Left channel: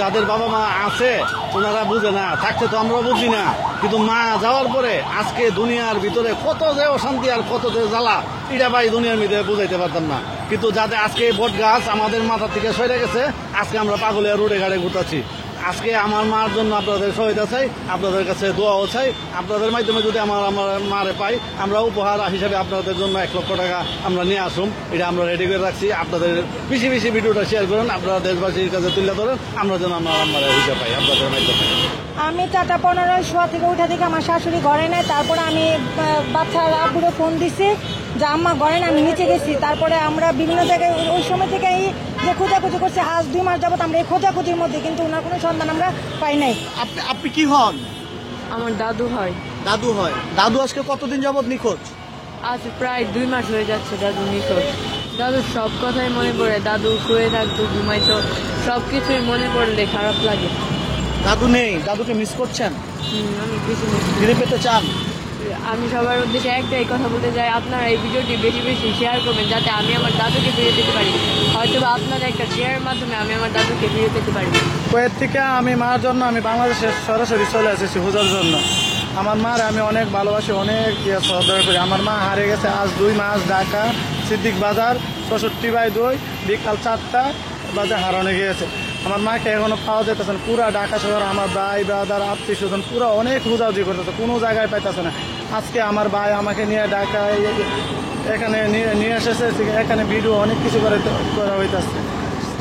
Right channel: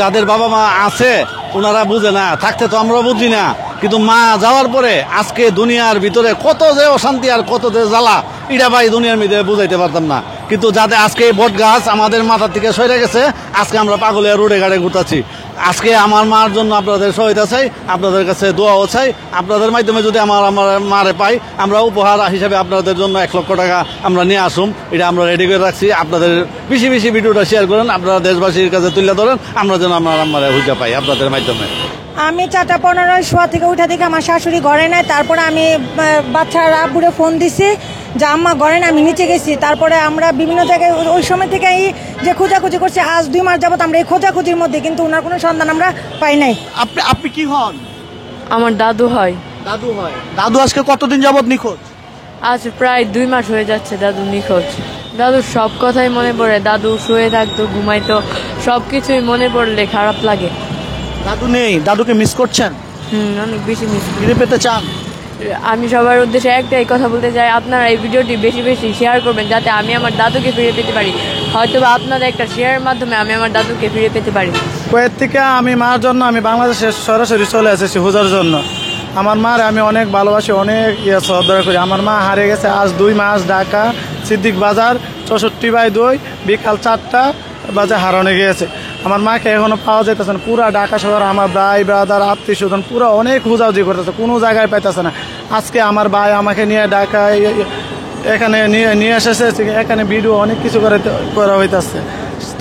যাদের বাবা মা আছে ওনারা বুঝে না, থাকতে তো আমরা বুঝি না, কিন্তু মা যাওয়ার পরে আজকে দুনিয়ার ভিতরে কত যে অশান্তি আর কত যে জ্বালা এটা ভাই দুনিয়ার মধ্যে বুঝাইতে পারতাম না। কিন্তু যাতে আজকে বট গাছ আমাদের মাথার থেকে সরে গেছে, আজকে আমরা পাগলিয়া রোডে গাড়ে ঘুরতাছি। আজকে আমার মার জন্য আপনাদের সহায়তা চাই, আপনাদের কাছে দোয়াও চাই। আপনাদের মাধ্যমে যদি আমার মারে পাই, আমরা উপহার হিসাবে আপনাদের জন্য 1 লক্ষ টাকা আমরা নিয়ে আসুন, এটা আমরা রেডি করে রাখছি। আপনাদের বেশি বেশি ভিডিওটা শেয়ার করেন, আপনারা দেশবাসীর কাছে তুলে ধরেন, আমরা যেন আমার মারে হুইজা পাই আপনাদের মাধ্যমে। আমি 4:15 শোয়া থেকে উঠা থেকে আমার শাশুড়ি ঘরে নাই, তারপরে আমি বাচ্চার আব্বুরে ফোন দিছি যে আম্মা ঘরে না, আমি নিচে গেছি। তারপরে আমরা বিভিন্ন জায়গায় ওই সময় থেকে যে খোঁজাখুঁজি করছি, আজ 2 মাস যাবত আমরা এই খোঁজাখুঁজির মধ্যে, কিন্তু ওনার কোনো সন্ধান আমরা পাই নাই। আপনি কি হন? আমার দাদু হয়। দাদু হয়। দাদু আজকে কতদিন যাবত নিখোঁজ? আজ প্রায় 2 মাস হয়ে যাচ্ছে দাদু নিখোঁজ। দাদুর সব কথাই মনে পড়ে, দাদু শুয়ে থাকতো, ঘুমাইতো, সবকিছুই মনে পড়লে খারাপ লাগে। দাদু নেই, দাদুকে মিস করছেন? অনেক বেশি মিস ফিরে পেতে চান? আমি সবার উদ্দেশ্যে একটাই কথা বলতে চাই, আপনারা এই ভিডিওটি বেশি বেশি শেয়ার করবেন যাতে আমি আমার দাদুকে ফিরে পেতে পারি। হয়তো আপনাদের একটা শেয়ারের মাধ্যমে আমি আমার দাদুকে ফিরে পেতে পারি। কুয়েত থেকে আমি মার জন্য আমি বাংলাদেশে সরাসরি চলে এসেছি হুজার জন্য। আমার মার আমি অনেক ভালোবাসি, অনেক শ্রদ্ধা করি। আমার মা হারিয়ে গেছে আজ 2 মাস, ঢাকা সিদ্দিক বাজার 64/2 বিকাল 4টা বাজে হারানো গিয়েছে। আমার মাকে এখনো পাওয়া যাইতেছে না। পুরা ঢাকা শহর আমার ভাই ব্রাদার আত্মীয় স্বজন পুরো অনেক খোঁজাখুঁজি করতেছে, কোনো জায়গায় পাইতেছে না। আজকে আমার ভাই আমাকে নিয়ে ঢাকায় এখানে নিয়ে এসেছে, এখানে ভিডিও অনেক কিছু করা হইতেছে।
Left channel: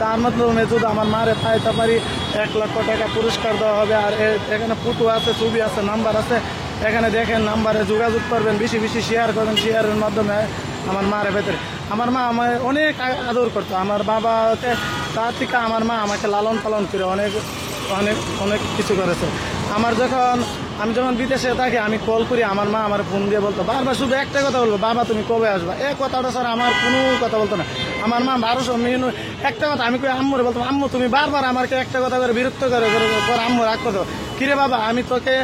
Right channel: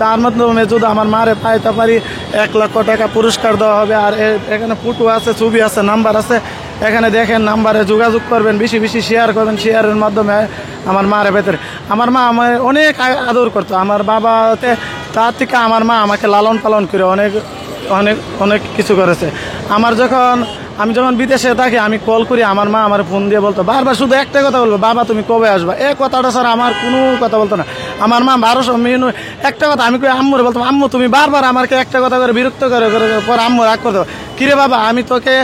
তার মাধ্যমে যদি আমার মারে পাইতে পারি 1 লক্ষ টাকা পুরস্কার দেওয়া হবে। আর এখানে ফটো আছে, ছবি আছে, নাম্বার আছে, এখানে দেখেন, নাম্বারে যোগাযোগ করবেন, বেশি বেশি শেয়ার করবেন। শেয়ারের মাধ্যমে আমার মারে ভেতরে আমার মা আমার অনেক আদর করতো। আমার বাবাতে তার থেকে আমার মা আমাকে লালন পালন করে অনেক অনেক অনেক কিছু করেছে। আমি যখন বিদেশে থাকি আমি কল করি, আমার মা আমার ফোন দিয়ে বলতো বারবার শুধু একটা কথা বলবো, বাবা তুমি কবে আসবা, এই কথাটা স্যার আমার কোনো কথা বলতো না। আমার মা 1200 মিনিট একটা কথা আমি কই আম্মুরে বলতাম, আম্মু তুমি বারবার আমাকে একটা কথা করে বিরক্ত করে পর আম্মু রাগ করতো, কিরে বাবা আমি তোকে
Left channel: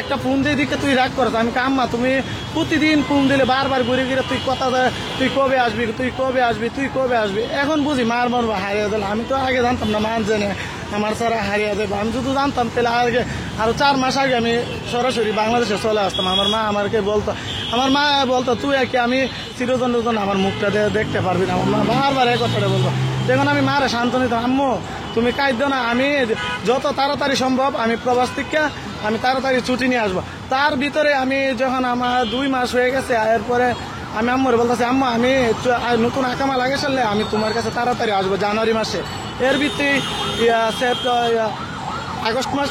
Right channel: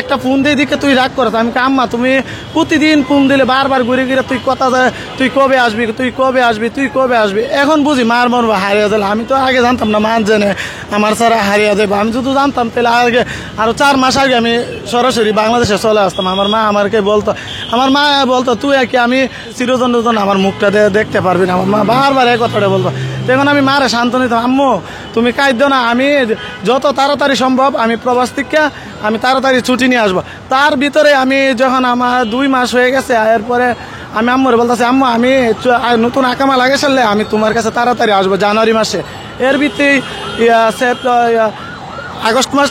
একটা ফোন দিয়ে দিকে তুই রাগ করতো। আমি আম্মা তুমি প্রতিদিন ফোন দিলে বারবার ঘুরে ঘুরে তুই কথা তুই কবে আসবি, তুই কবে আসবি, তুই কবে আসবি। এখন বুঝি মার মন হারিয়ে দিল। আমি তো আগে জানতাম না মা জেনে আমার ছাড়া হারিয়ে দেবো। আমি যদি জানতাম তাহলে আগে আরো 4 মাস আগে আমি সরাসরি বাংলাদেশে চলে আসতাম। আমার মা আমাকে বলতো, আমার মা বলতো তুই কি আমি চিরজন আমার মুখটা দেখতে পারবি না। আমার মা বারবার এই কথাটা বলবো। দেখুন আমি মারে শান্ত নিতাম, আম্মু তুমি কাঁদো না, আমি যত তাড়াতাড়ি সম্ভব আমি প্রবাস থেকে আমি তাড়াতাড়ি ছুটি নিয়ে আসবো। তার ভিতরে আমি যখন আমার 2 মাস হয়ে গেছে, এরপরে আমি আম্মুরে বলতেছি, আম্মু আমি নতুন আকামা লাগে সারলে আমি তোমার কাছে তাড়াতাড়ি আসবো জানুয়ারি মাসে। এর ভিত্তি আগস্ট মাস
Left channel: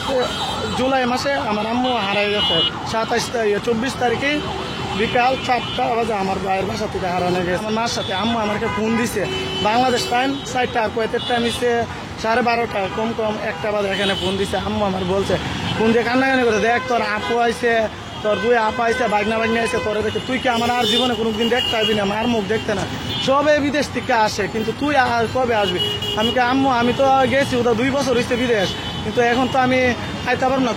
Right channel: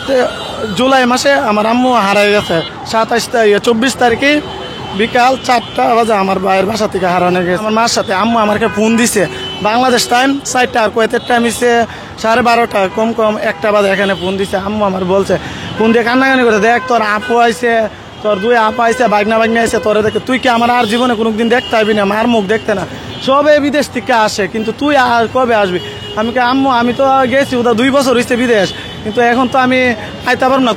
জুলাই মাসে আমার আম্মু হারাই গেছে। 24 তারিখে বিকাল 4টা বাজে আমার ভাইয়ের বাসা থেকে হারানো গেছে। আমার মার সাথে আম্মু আমাকে ফোন দিছে, বাংলাদেশ টাইম 4টা আর কুয়েতের টাইম হচ্ছে 12:30, কম 1টা বাজে এখানে ফোন দিছে। আম্মু আমার বলছে, ফোন দিয়ে কান্নাকানি করে, দেখ তোর আপু আইছে, তোর 2 আপা আইছে, বাগনা আইছে, তোরে দেখে তুই কি আমার আর জীবনে কোনোদিন দেখতে আসবি না, মার মুখ দেখতে না, সবে বিদেশ থেকে আসে, কিন্তু তুই আর কবে আসবি। আমি আম্মু আমি তো গেছি ওটা 2 বছর হয়েছে বিদেশ, কিন্তু এখন তো আমি আইতে পারবো না,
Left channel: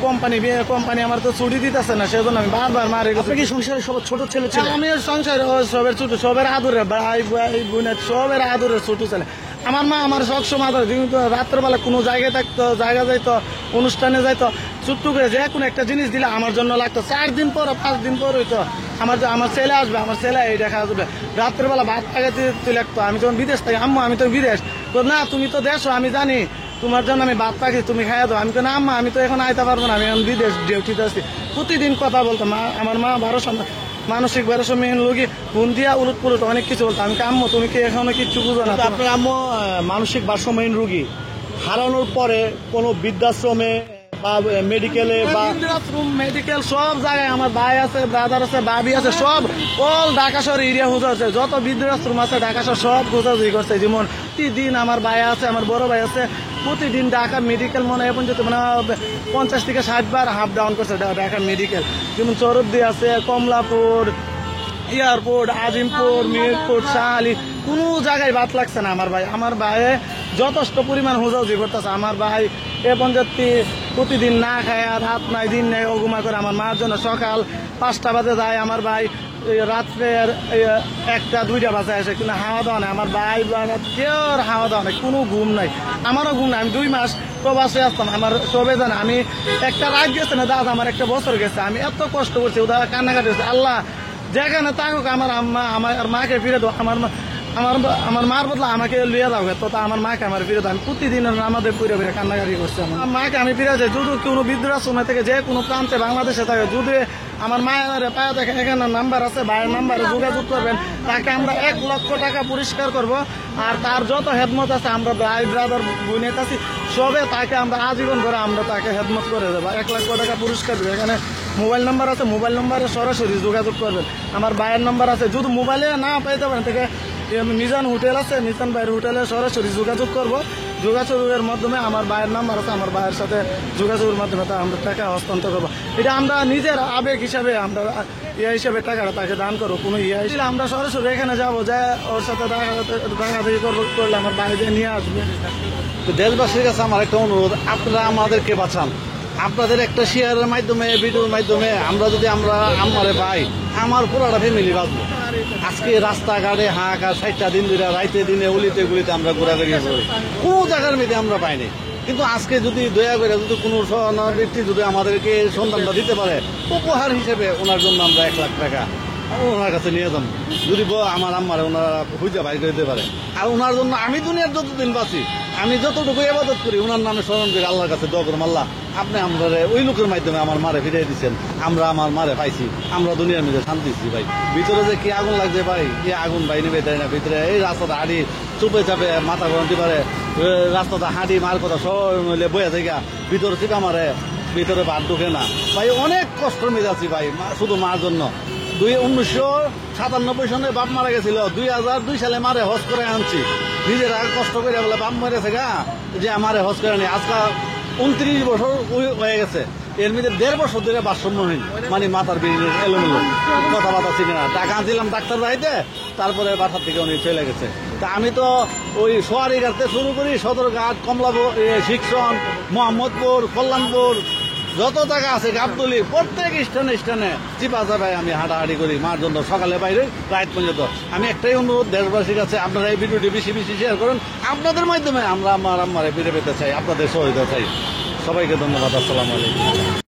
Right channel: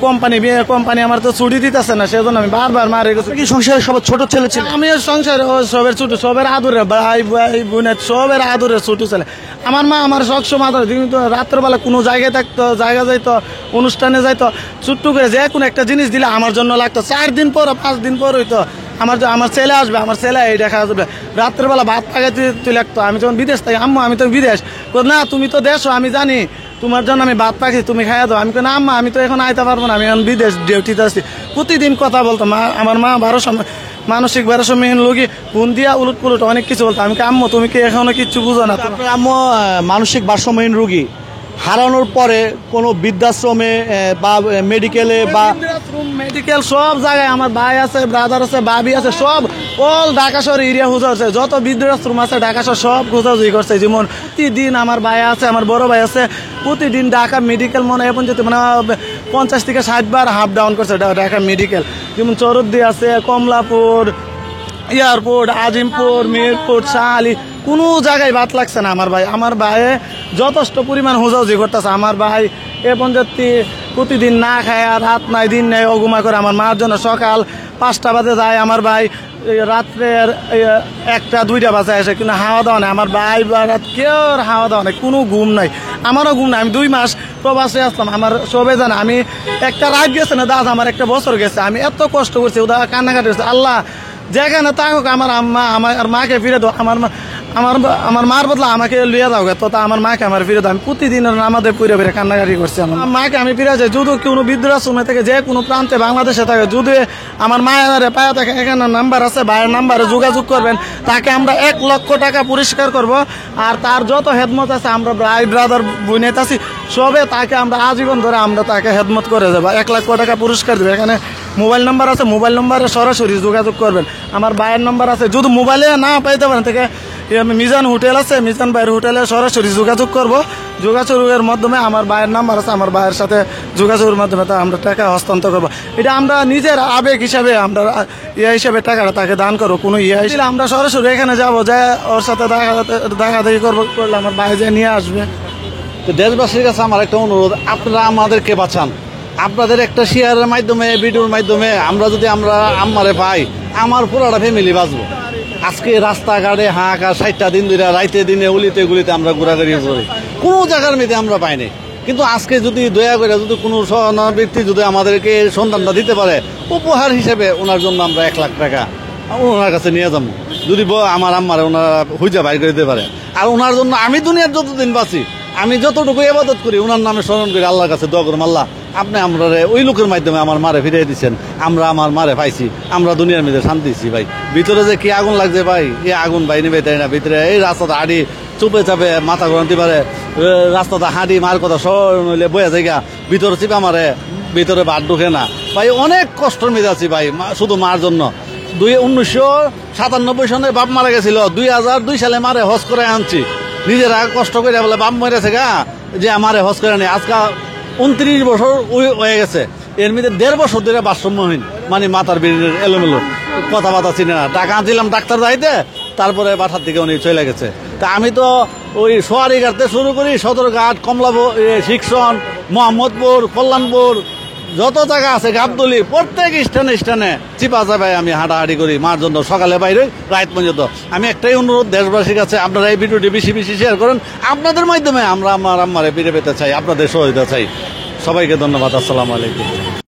কোম্পানি আমার তো ছুটি দিতেছে না, সেজন্য আমি বারবার মারে গেছি। কি সংসারে সবার ছোট ছেলে ছিল? আমি সংসারে সবের ছোট, সবের আদরে ভাই বোনের সবের আদরে ছোট ছেলে। আমার মা আমার সবসময় রাত্রেবেলা কোনো জায়গায় থাকতো, জায়গা যাইতো, অনুষ্ঠানে যাইতো, ছোট্ট করে যে কোনো একটা জিনিস দিলে আমার জন্য লাগতো। 4 দিন পর 5 দিন পর হইতো আমার ছেলে আসবে, আমার ছেলে এই দেখা যাবে, রাত্রেবেলা ভাত পাকাতে তুই লাগতো। আমি যখন বিদেশ থাকি, আম্মু আমি তো বিদেশ, না তুমি তো দেশো, আমি জানি তোমার জন্য আমি ভাত পাখি, তুমি খাইয়া দাও। আমি না আম্মা আমি তো এখন আইতে পারবো না, আমি এখন বিদেশ ডিউটিতে আসছি। প্রতিদিন কথা বলতো মা, আমার মা মানসিক 1200 লোকই ফোন দিয়া উলট পুলট অনেক কিছু বলতো। আমি আম্মু তুমি কি এখনো কিচ্ছু বুঝো না? আপনার আম্মু মানসিক ভারসাম্যহীন রোগী, হারানোর পরে কোনো বৃদ্ধাশ্রমে বা মেডিকেলে বা মেডিকেল সব জায়গায় আমার ভাই আছে, ব্রাদার আছে, ভাবি আছে, সব অল ঢাকা শহর এরিয়া খোঁজা হচ্ছে, যত বৃদ্ধাশ্রম আছে ঢাকা শহর সব খোঁজাখুঁজি করছে। যেমন প্রতিদিন আমার ভাই আছে, আমার বড় ভাই আছে, প্রতিদিন ঢাকা মেডিকেল মনে এখন যেতে মানে 50 থেকে 60 বার হাফ ডাউন করছে ঢাকা মেডিকেল। যেমন চরদ্দি আছে, কমলাপুর, এয়ারপোর্ট, আজিমপুর, মিরপুর, শাহালি, কোনো জায়গায় বাদ লাগছে না। আমার ভাই যথেষ্ট পরিমাণ হোঁজাহুজি করতেছে। আমার ভাই এ পর্যন্ত প্রতিদিন না খায়, রাত নাই দিন নেই, অগুমা করে আমার মার জন্য। সকাল 5টা বাজে যায় আমার ভাই, রাত্রের 1টা 2টা বাজে আসে, কিন্তু হাওয়া দাওয়া নেই। আমার ভাই কেউ হাওয়া দাওয়া নেই, কোনো ঘুম নাই, আমারও ঘুম নাই। আমি 2 মাস প্রবাসে আসতাম, আমার সবাই জানে আমি একটা রাত গেছে না দাদা, আমার একটা বছর গেছে, আমি এত কষ্ট করছি, ওরা কান্নাকাটি করছে। আল্লাহ যেখানে থাকুক আমার আম্মা আমার মাকে ফিরে দাও, আমার মার বদলা আমাকে লিয়ে দাও, তো আমার মাকে আমার ফিরে দাও। আমি প্রতিদিন আমাদের পুরে ফিরে কান্নাকাটি করছি। আমার মাকে আমি ফিরে যাই, যদি কোনো বৃদ্ধাশ্রমে থেকে যে কোনো প্রান্তে বাংলাদেশে থাকে, যদি আমার মায়ের পায়ে থাকে, এখানে নাম্বার আছে, ভাইয়ের নাম্বারে যোগাযোগ করবেন, তাকে আমরা 1 লক্ষ টাকা পুরস্কার করব। আর তার যত হেদমত আছে আমরা ভাই ব্রাদার বোনেত আছি সবে তাকে আমরা আজীবন ধরে আমরা তাকে হেদমত করে দেবো, 1 লক্ষ টাকা পুরস্কার দেবো। এখানে মোবাইল নাম্বার আছে, মোবাইল নাম্বারে সরাসরি যোগাযোগ করবেন। আমার ভাইয়ের নাম্বার আছে, যদি মোবাইলে না পাইতে পারেন থেকে মিজান হোটেল আছে, মিজান ভাইয়ের হোটেলে সরাসরি যোগাযোগ করব। যোগাযোগের মাধ্যমে আমার ভাইয়ের নাম্বার আছে, আমার ভাইয়ের সাথে যোগাযোগের মাধ্যমে আমরা টাকা হস্তান্তর করবো। এটা আমরা নিজের আবেগ হিসাবে আমরা হিসাবে টাকাটা তাকে দান করবো। কোনো হিসেবে আমরা সরাসরি এখানে যাবো, যা ওর সাথে দেখাদেখি করবো, করলে আমার ভাই যে নিয়ে আসবে। তো দেশবাসীর কাছে আমার একটা অনুরোধ, আপনারা আমাদেরকে বাঁচান। আপনাদের একটা শেয়ারের মাধ্যমে, ভিডিওর মাধ্যমে আমরা যদি আমরা আম্মারে পাই, আমার পুরাটা ফ্যামিলি বাঁচবো। আজকে রাস্তাঘাটে হাঁকা 60টা দিন ধরে রাইতে দিনে উলিতে গুলিতে আমরা ঘোরাঘুরি করি, কোনো জায়গার মধ্যে আমরা পাইনি। কিন্তু আজকে যদি দয়া করে যদি কোনো ব্যক্তি যদি আমাদেরকে সন্ধানটা দিতে পারে, উপহার হিসেবে ওনার জন্য আমরা 1 লাখ টাকা ওনার কাছে নিয়ে যাবো। যদি আমার আম্মারে ওনারা হুইজা বাইর করে দিতে পারে। আর ওনার জন্য আমি দুনিয়ার যতদিন বাঁচি, আমি যতটুকু ইবাদত করি ওনার নামে স্মরণ করি, আল্লাহর কাছে দোয়া করলাম, আল্লাহ আপনি আমরা ওই লোকের মাধ্যমে আমার মারে ফিরিয়ে দিচ্ছেন, আমরা আমার মারে পাইছি, আমরা দুনিয়ার মধ্যে শান্তিছি ভাই। ভিতরে যে কি আগুন লাগছে ভাই, এই আগুন ভাই নেবে তাই না। ভিতরে এই রাস্তাটা হাঁটি চুপে চাপে মাথা গরমতে পারে, রাস্তাটা হাঁটি মার কথা সব নইলে বয়ে জায়গা, ভিতরে চিপা মারে, ভিতরে ভাত ঢুকে না ভাই। অনেক কষ্টের মধ্যে আছি ভাই, শুধু মার জন্য। 1997 সনে বাপ মারা গেছিল, 2002 সালে মারে হজ করে আনছি, নিজেরা কষ্ট করে বলে বাপ মেরেছে গা যে আমারে হজ করে নেই। আজকাল 29 বছর হয়ে গেছে, এর মধ্যে 1.5 বছর ধরে ভারসাম্যহীন, মানে মাথার বিড়ির এলোমেলো, কথাবার্তা চিনে না। টাকা আনছিলাম ডাক্তার যাইতে, তারপরে বাসার থেকে উনি চলে গেছে। তা আমি তো ওই সোয়ারিঘাটতে শুরু করি, সদরঘাট, কমলাপুর, শিক্ষণ, মোহাম্মদপুর, কল্যাণপুর, যত জায়গা আছে গাবতলি, প্রত্যেক স্থানে চিপা চাপায় আমি হাঁটাহাঁটি করি মার জন্য, সকালে বাইরে রাত পর্যন্ত। আমি একটাই অনুরোধ দেশবাসীর কাছে, আপনারা এই ভিডিওটি বেশি বেশি শেয়ার করেন। আপনাদের মাধ্যমে আমরা আমার আম্মারে ফিরে পেতে চাই, আপনাদের সহযোগিতা চাই। সবাইকে ধন্যবাদ। আসসালামু আলাইকুম।